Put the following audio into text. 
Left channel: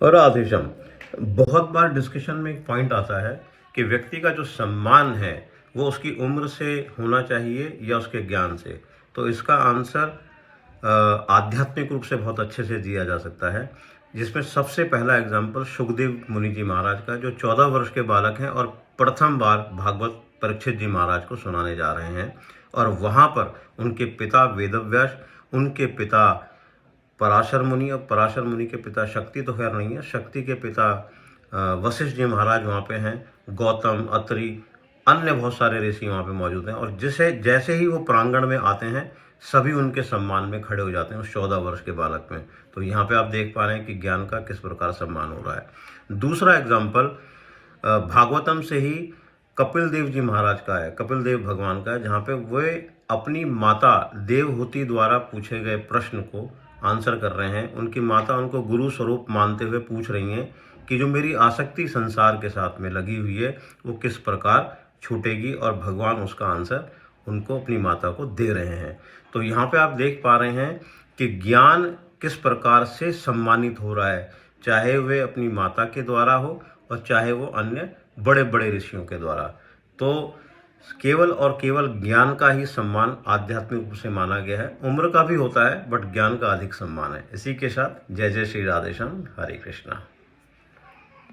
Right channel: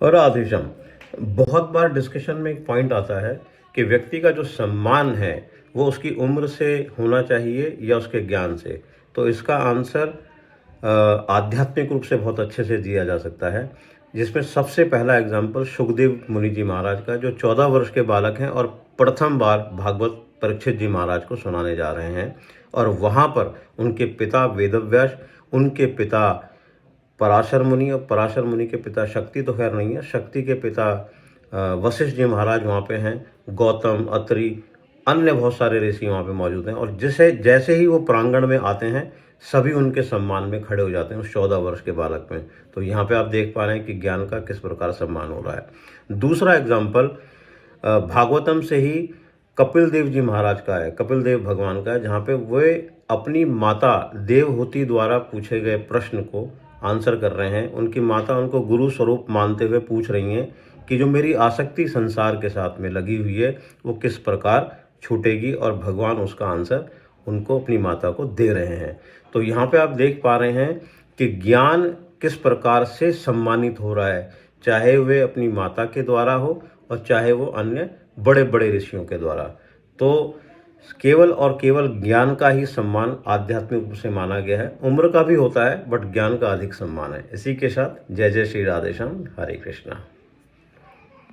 और राधेश्याम, बहुत बार डिस्कशन में एक पॉइंट आता है कि व्यक्ति का जो सम्मान है वो उसकी उम्र से होना चाहिए या उसके ज्ञान से। तो इसका आंसर आध्यात्मिक रूप से बहुत अच्छे से दिया जा सकता है, जिसमें सबसे पहला एग्जाम्पल सुखदेव मुनि जी महाराज का, जो 14 वर्ष के बालक हैं और प्रथम बार भागवत परीक्षित जी महाराज को सुनाने जा रहे हैं। और वहाँ पर उनके पिता वेदव्यास, उनके पिता पराशर मुनि, और पराशर मुनि के पिता शक्ति तो खैर नहीं है, शक्ति के पिता वशिष्ठ जी महाराज वहाँ पे हैं, गौतम, अत्रि, अन्य बहुत सारे ऋषि वहाँ पे मौजूद हैं। और जैसे ही वो प्रांगण में आते हैं, सभी उनके सम्मान में खड़े हो जाते हैं उस 14 वर्ष के बालक में। तो यहाँ पे आप देख पा रहे हैं कि ज्ञान का किस प्रकार सम्मान हो रहा है। दूसरा एग्जाम्पल भागवतम से ही कपिल देव जी महाराज का है, कपिल देव भगवान का है, जहाँ पे वे अपनी माता देवहूति द्वारा पूछे गए प्रश्न को आंसर कर रहे हैं। उनकी माता उनको गुरु स्वरूप मानते हुए पूछ रही हैं कि जो मेरी आसक्ति संसार के साथ में लगी हुई है वो किस प्रकार छूटेगी, और भगवान उसका आंसर उनको, अपनी माता को दे रहे हैं। तो यहाँ पे आप देख पा रहे हैं कि ज्ञान किस प्रकार से सम्मानित हो रहा है, चाहे वे अपनी माता के द्वारा हो और चाहे वो अन्य बड़े बड़े ऋषियों के द्वारा। तो केवल और केवल ज्ञान का ही सम्मान आध्यात्मिक रूप से माना गया है। उम्र का भी होता है बट ज्ञान का अधिक सम्मान है। इसी के साथ जय जय श्री राधेश्याम, हरे कृष्णा।